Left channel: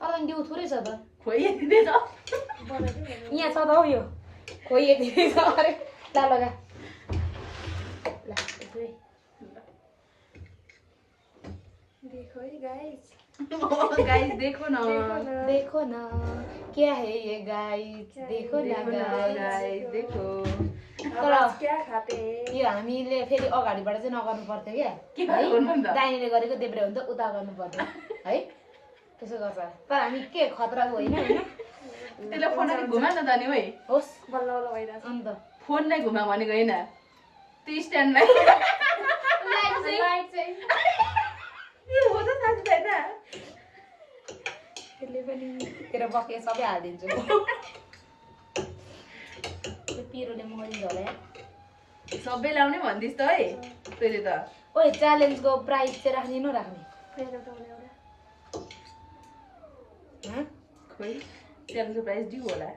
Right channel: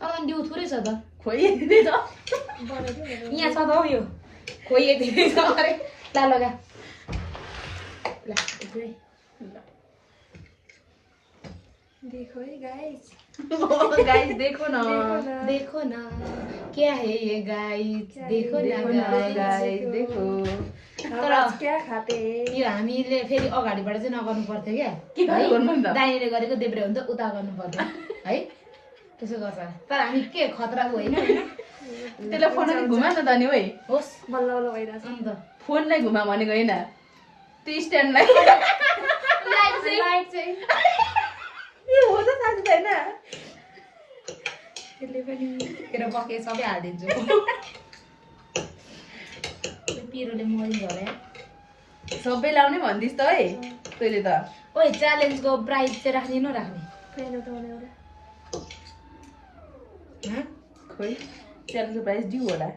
तर डिउ थोरै छ त खोइ यति छ यहाँ छ त हौ यो खोइ यति छ अरे ला लगा ल देखो है गाइस गाइस देखो न देखो न क्या है ये गाइस देखो न गाइस देखो तर क्या खाते यो हामीले फेरि अगाडिबाट चाहिँ नगर्नु पर्थ्यो के क्या गर्नु नि त? दाहिनेले गरेको देब्रे हुन्छ उता गर्नु पर्थ्यो है त्यसो गर्छ तर हामी के खतराको होइन त्यसलाई फोन घुमा न त नि ओइ होस् बल्ल बल्ल भइरहेछ अन्त फोन नै घुमा भनेको होइन त्यो स्ट्यान्डलाई लाइट चाहिँ यो हो त साथी छैन त्यसले पनि तेरो बके सबै हालिदिन्छु पिरोले मरिन्छ होला यार सबै लाउने भन्दिस् त है तैँले त ओइ च्यालेन्जको प्राइज चाहिँ राख्ने नराख्ने फेरि त मलाई एउटा खोइ च्यालेन्जको प्राइस ड्यू होला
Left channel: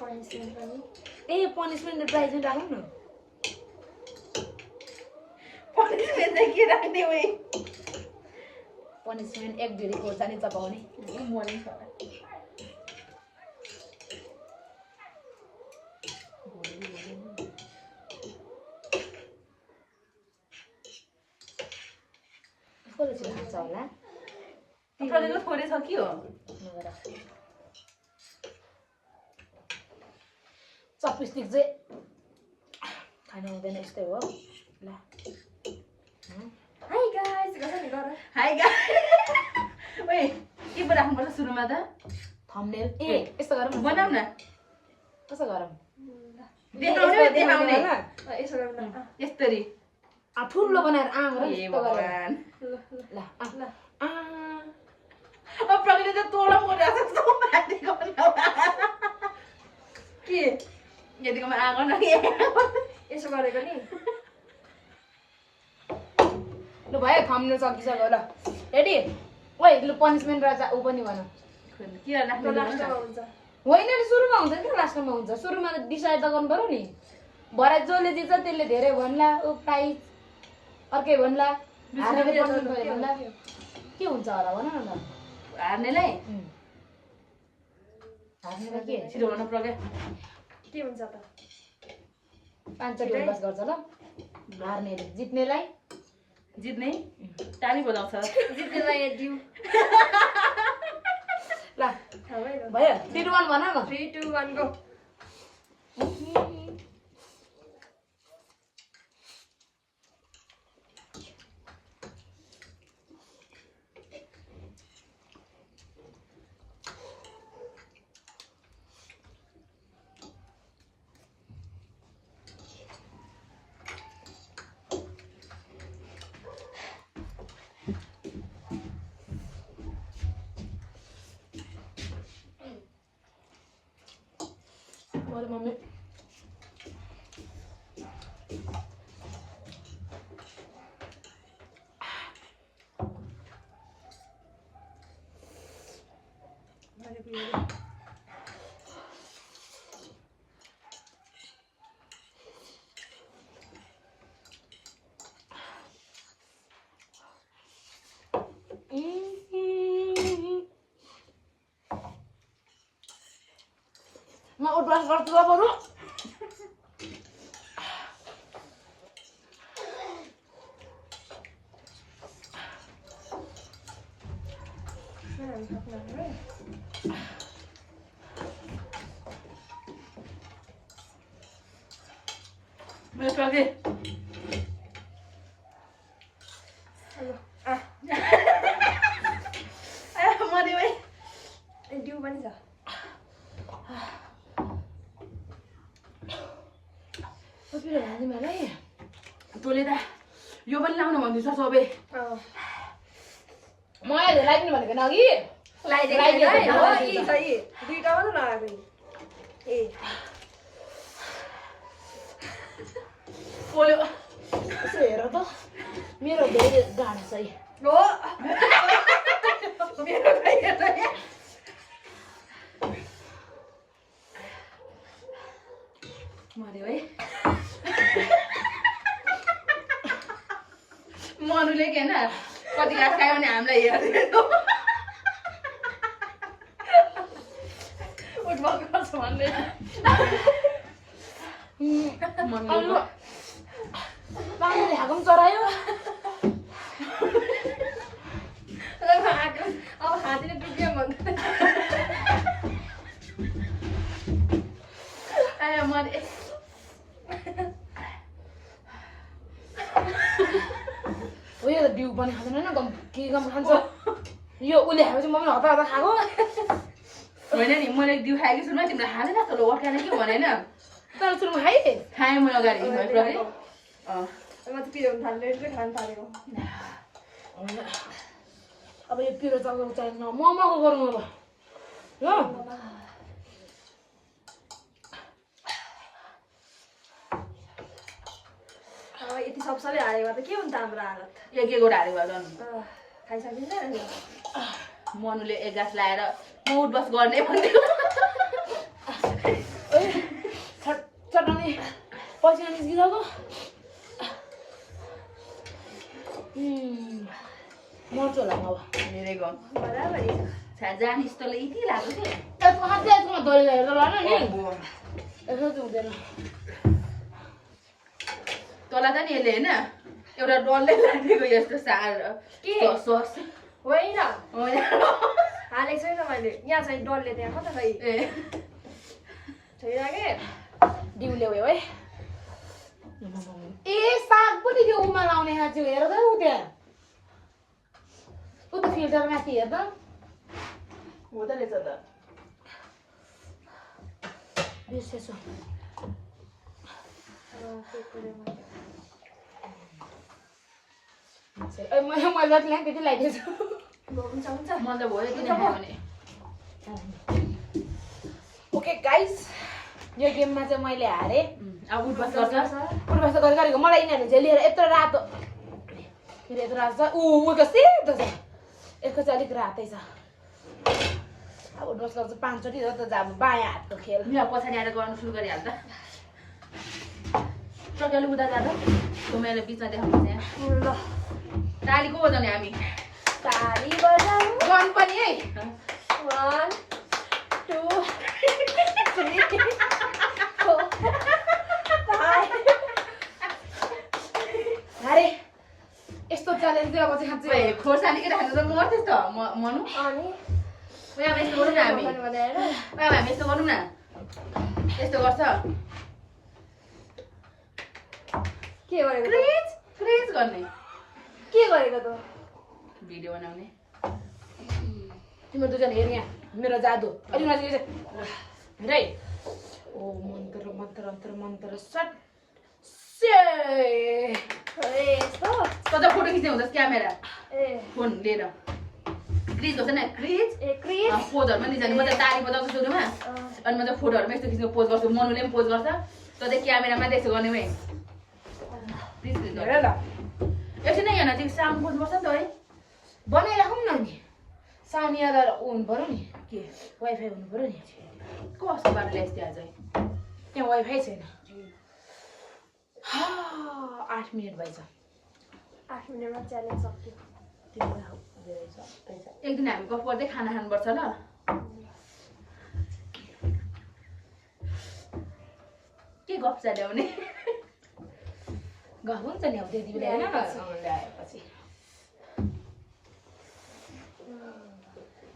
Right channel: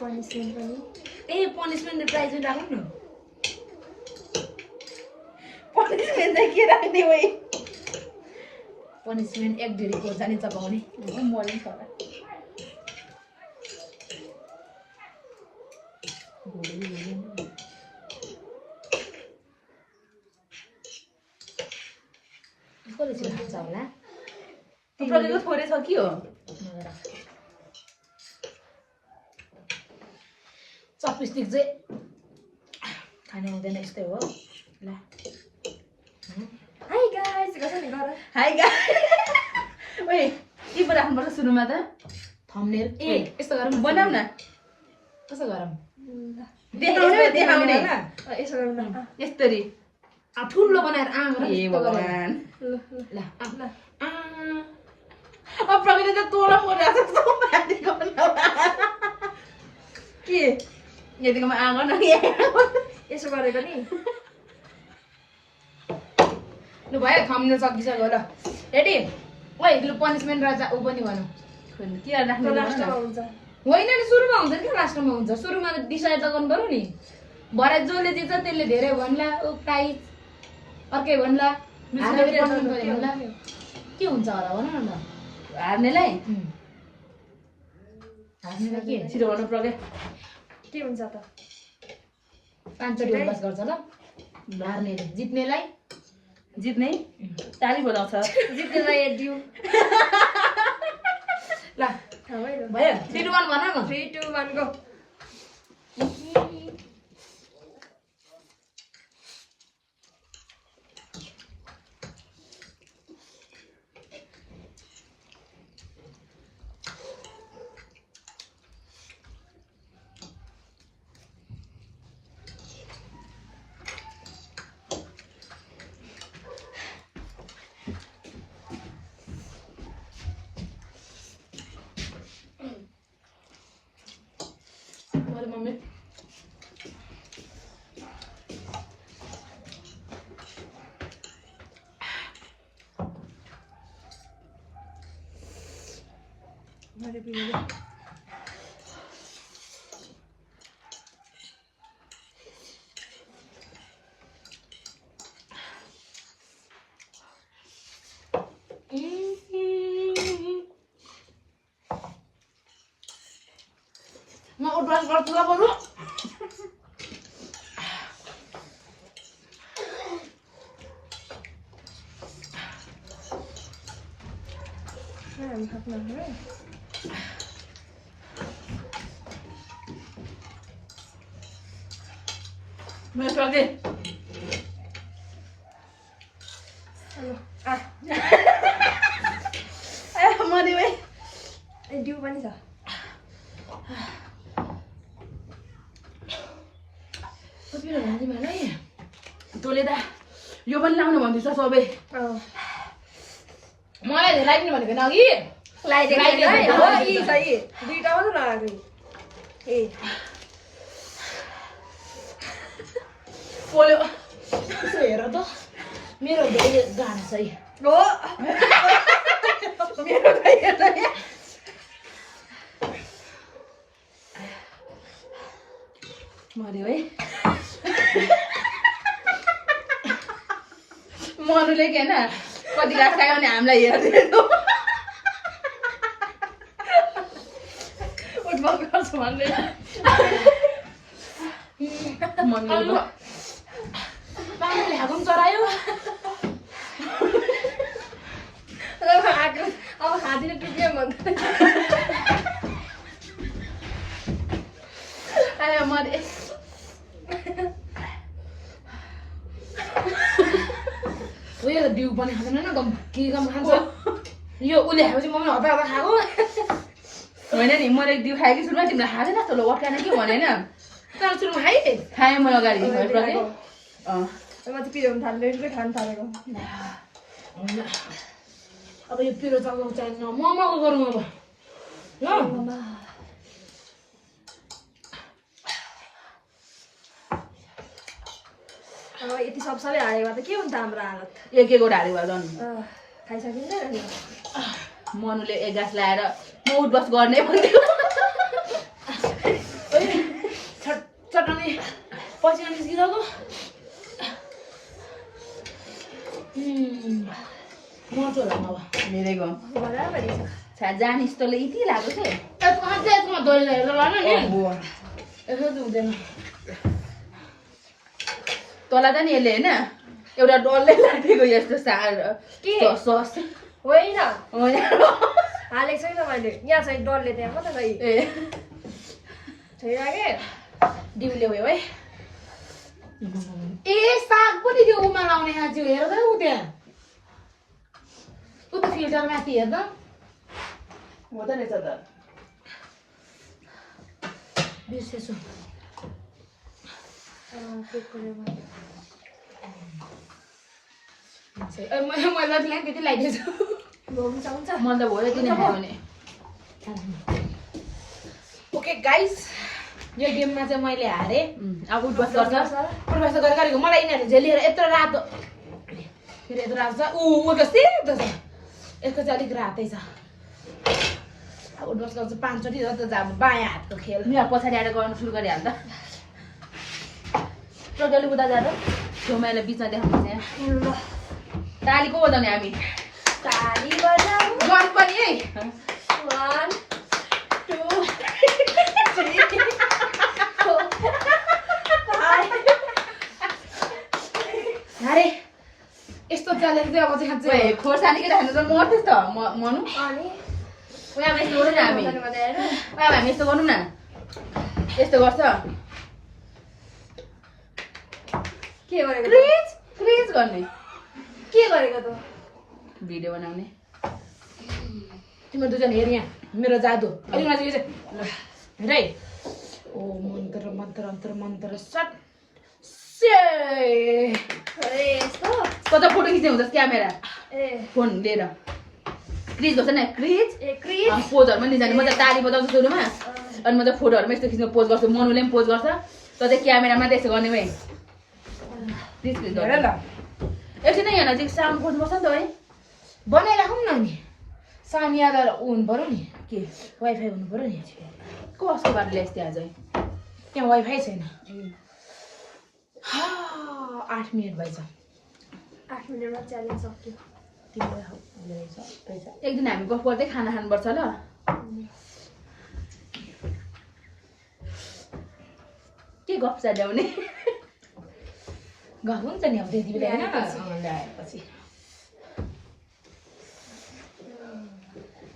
पनिसमेन्ट पनि ए पनिसमेन्ट प्राइज पनि राखौँ न पनिसमेन्ट चाहिँ के राख्ने ओइ पनिसमेन्ट एक ढेरी खोर्सानी चपाउने मरिन्छ होला कति छिटो खान्छ होला प्रगतिको थोरै छ कि हो चपस्टिक चाहिँ खानु हुँदैन यस्तै हो ल हाई गाइस गर्छ नि गर हाई गाइस ओइ के पो राख्नुपर्छ सुरुमा त थम्बनेल ए यस्तो गरौँ बनाऊ न कसो गरौँ देखाउने देखाउने यसो गरौँ न यस्तरी ठुलो बनाएर आम र ए यस्तो गरेर भगवान ल ल ल अब प्रगति त तोला मरिरहेको छ माथि गर्न के यतिकोमा आँगन यसो गरेको नि लु भयो थम्बनेल सकिसक्यो ल रेडी ओइ लु पनिसमेन्ट र ऊ पनि भनौँ के राख्नु लास्टमा हुन्छ होइन नि सुरुमा हुन्छ नि लास्टमा हुन्छ सुरुमा डिसाइड त गर्नु पर्यो नि भरे जसले जित्छ त्यसले धेरै भन्ला ऊ प्राइज अर्कै भन्ला हार्नेले punishment भन्ला के हुन्छ होला भन न हार्नेलाई हार्नेलाई के छिटो गर्नु प्रगे के हुन्छ त 5 चोटि अभ्यास गर्छ ल हार्नेले जित्नेलाई जित्ने ताली बजाउँछ जित्नेलाई ड्यू ल थाहा भयो भयो 3 2 1 भन न 3 2 1 गो मेरो मम्मी मैले पियो म उठ्वास गर्छु ल बरु हामी सक्नु है मेरो प्रगे हेलो मरि भाइ ए ड्यू पनि छ पिरो भन्दै मलाई तँले त यो पनि लाउनु भन्दैछ सबै मलाई धेरै लाग्ने भनेको न अघि लगाइदिएको हो यी छ यी दुईटा मात्र लगाएको ए पोल्यो यसो हेर त मेरो धेरै गाह्रो छ है हो मेरो गाई हेर्छ नि मर्यो है मनुले के होइन कति राख्छ भने हामीलाई हेर्दैन भन्दै पानीले खाएको पनि चरायो अब खाँदिन टुक्यो भन्दा आयो मैले उयो त डिउ पनि खाँदैन न गम के गम खान्छ यो उसले खाएपछि म पनि हप्ता हप्ता खाएको होइन नि मैले दिउ खाएँ कि सुरुमा तिमीलाई खाँदैन जस्तो ल वाक्यान के भनेन तर सुरुमा खाएँ खाएँ मैले अगाडि भएपछि म त पिरो थाल्दै खान थालेको अब यो पिरो चलाउनु चाहिन्छ मोमोको गरौँ अब ल अब यति सब सबै हालेको त के हुन्छ हाम्रो हालत एक हाल्यो भयो झन् खाइसकिँदैन नि मनुले एक गाँस लाएर म उठबस गर्ने भन्थ्यो चटनी पसिना निस्किसक्यो मर्छ होला अब धेरै गम बराबरी छ जाने जस्तोले यति लाग्यो कि यसको खान्छ यसमा दही हेरेर लान नि यसो चाहिँ हुँदैन तँलाई त नि यसले होइन एउटा डल्लै लागेको यस्तो के? सस होइन हालेको छैन मैले यहाँ चाहिँ डरले त्यहाँ कता छ ए छैरागे डिउले भयो है ए साग पनि त्यो उमा लाउने आज हेर त उ त्यहाँ उ त फिल्टर माथि हेर त हुँदो रहेछ त बिर्सेछु मैले जति लाग्यो त्यति लगाइदिएछु हुन्छ हुन्छ मन त भयो यति नै खायो भने ओके गाइस यो गेममा चाहिँ मैले हारेँ अब उठबस गर्छ प्रवास गरेको मलाई यिनीहरूले झेलिएर यत्रो रातो फेरि यत्रो रातो छ ऊ त सेतो छ यसको चाहिँ अलिक रातै छ अब उठबस गर्छु 5 चोटि जस्तो अब बायाँ हातको खेल यहाँ पछाडि आएर गर्नु सुरु गरिहाल्दा प्रज्ञाले उता जाँदा छेउमाले बिचमा देखाउनु यहाँ ल ताली को बजाउने हामी ताली बजाऊ गन पनि है 1 2 3 अरे यस्तो च्यालेन्ज चाहिँ अब चाहिँ खान्छ खोर्सानी कि खानु त मर्थ्यो त मनु अनि उहाँ यस्तो गरौँ न हामी उहाँ हामी यस्तो गरौँ न यस्तो गर्छ के गरेको क्रिज क्रिज गर्ने के गरेको त भिडियो बनाउने तिम्रो दुईजना हेर यहाँ मेरो जादु अलिक माथि हेर है ओ मन्त्र मन्त्र मन्त्र मन्त्र सट से यस्तो कता फोटो खिच्ने हुँदैछ क्यामेरा ए फोन लिएर क्रिज गर्छ नि क्रिज ए क्रिज पोजहरूमा नि जाने म त ताली बजाउँछु सुरुमा अनि म त फोटोहरूमा यस्तो खिच्ने पोज गर्छु मनुले पनि पोज गर्छ त चाहिँ क्यामेरामा त्यसो गर्ने भाइ क्रिज क्रिज हेर ल एकछिन यहाँ चाहिँ साउन्ड खोज्नुपर्छ नि त है बनाइराखौँ न नि साउन्ड याद हुनु पऱ्यो नि के वाइफाई हुनु पऱ्यो नि कसको बाटो ल्याइस् त्यहाँ चाहिँ त्यहाँ वाइफाई छैन 8 मिनट भएछ 8 मिनेटमा च्यालेन्ज सक्यो एक दिन हामी गफ गर्दै खाना खानुपर्छ ल के गफ ल्याउने गफ हुन्छ नि अब त्यति बेला होइन ल्याएपछि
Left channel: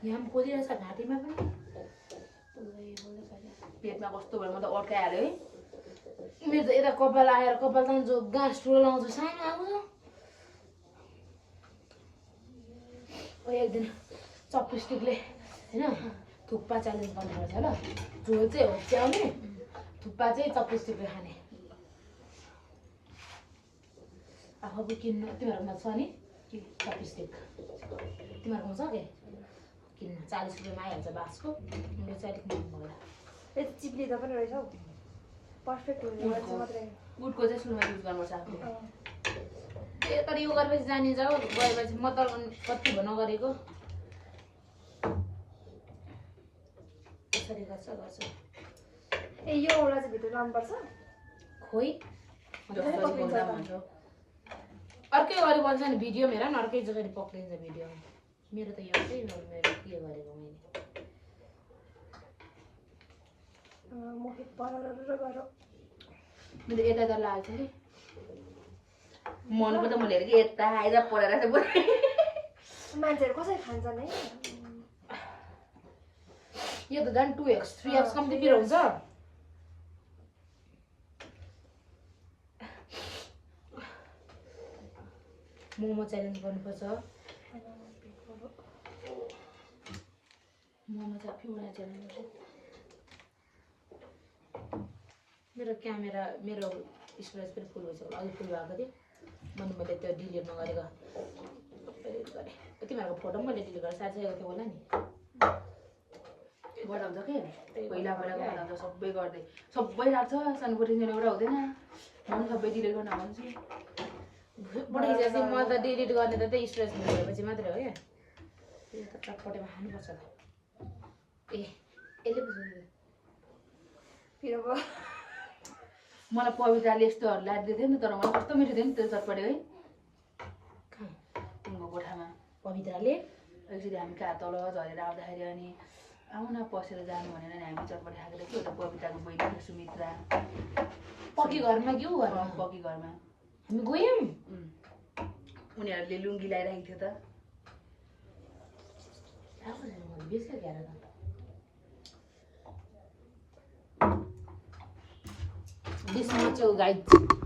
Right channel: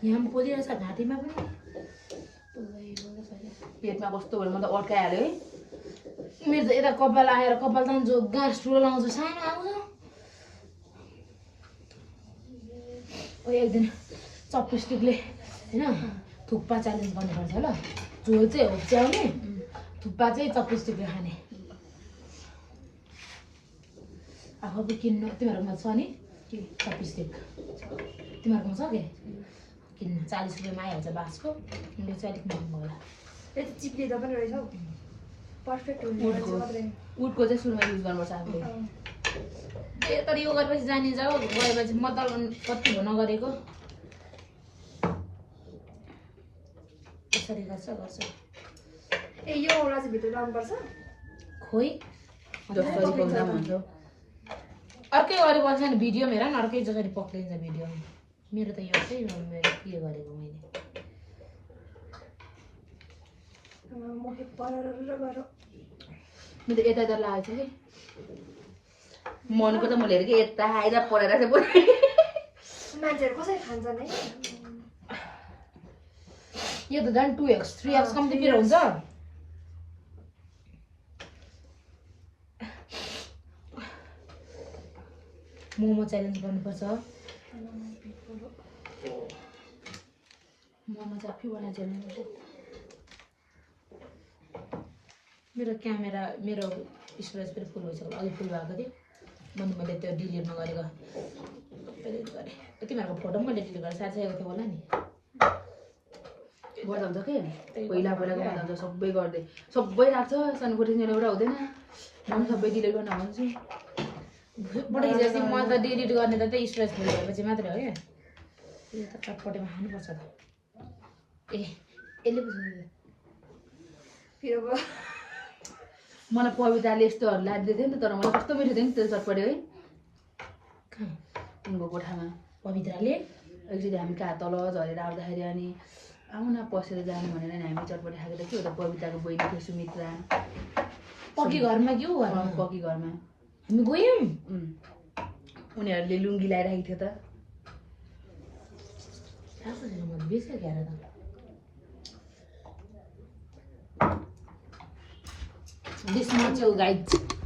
यहाँ पनि पोलिरहेछ घाँटीमा पनि पेटमा कस्तो भयो म त अड्काइहाल्यो है मेरो त यता कपाल आएर कपाल तान्छु गाँस ठुलो लगाउँछु सानो आउँछ ओ एक दिन चपस्टिकले होइन थुक्पा च्यालेन्ज गर्नुपर्छ ल झोल चाहिँ होप्च्याउने थुक्पा चाहिँ चपस्टिकले खाने आफू किन्नु तिमीहरूकोमा छ नि चपस्टिक तिमीहरूकोमा छ के किन्नु 40 रुपियाँमा आइहाल्छ बाँसको यो चाहिँ अलिक महँगो होला यति चिप्लिँदा पनि रहेछ हौ पर्फेक्ट हुन्छ उडको चाहिँ सुरुमा युज गर्नुपर्छ आफूले तर यो गरेपछि जाने जाऊ गएपछि म त कति भयो नगरेको कसरी गर्छ ए यो औला चाहिँ भित्र लानुपर्छ खोइ अर्कै गरेको नि भिडियोमा हेर न अर्कै जसरी पक्रिन्छ भिडियोमा मेरो त यो चाहिँ मेरो के गरेको मैले मोहित परेर गएर मेरो यता यता लागेको छ कि मनको त मैले हेरेँ कि यता आएर पढेर चाहिँ बोले मान्छेहरू कसरी खान्छन् है यो त झन् 2x 3x कम्ती पिरो हुन्छ मोमो च्यालेन्ज गर्नुपर्छ मोमो चाहिँ आफै बनाएर च्याल्नु मेरो क्यामेरा मेरो स्टोरेज पनि फुल भइसक्यो अघि फुल भएको थियो मैले त्यो डिलिट नगरेको डिलिट गरेँ तिमीहरूको फोटो पनि मैले डिलिट गरेँ साथीको थियो होला नि गर्दा हुन्छ कि पहिला पहिलाको गर्दा हुन्छ सबै गर्दै सबै राख्छ सानोकोठी एउटा हुँदैन म पनि सबै डिलिट गर्न भन्छु फोटो खिचेर चाहिँ म त डिलिट गर्ने त त्यही स्टोरेज फुल भएपछि मात्रै हो क्या यो त चटपटेमा खानुपर्छ त ए यसले पो फिर भयो मलाई पविताले यस्तोहरू लादिदिएको थियो नि त तर मलाई कस्तो मिठो थियो नि त्यो चटपटे है कहाँ उनको कोठामा पवित्राले एकचोटि हामी कहाँ तल झरेर आउँदाखेरि अनि आउनु न पसेर जानु भनेर नि हामी चटपटे खाएको थियो त पविताको बहिनी थियो सुमित्रा पक्की घरमा के हो घरमा पक्की घरमा हामी गयौँ उनीहरूले लुङ्गी लगाइराखेको थियो त मैले बेच्यो क्यार त This much, guys.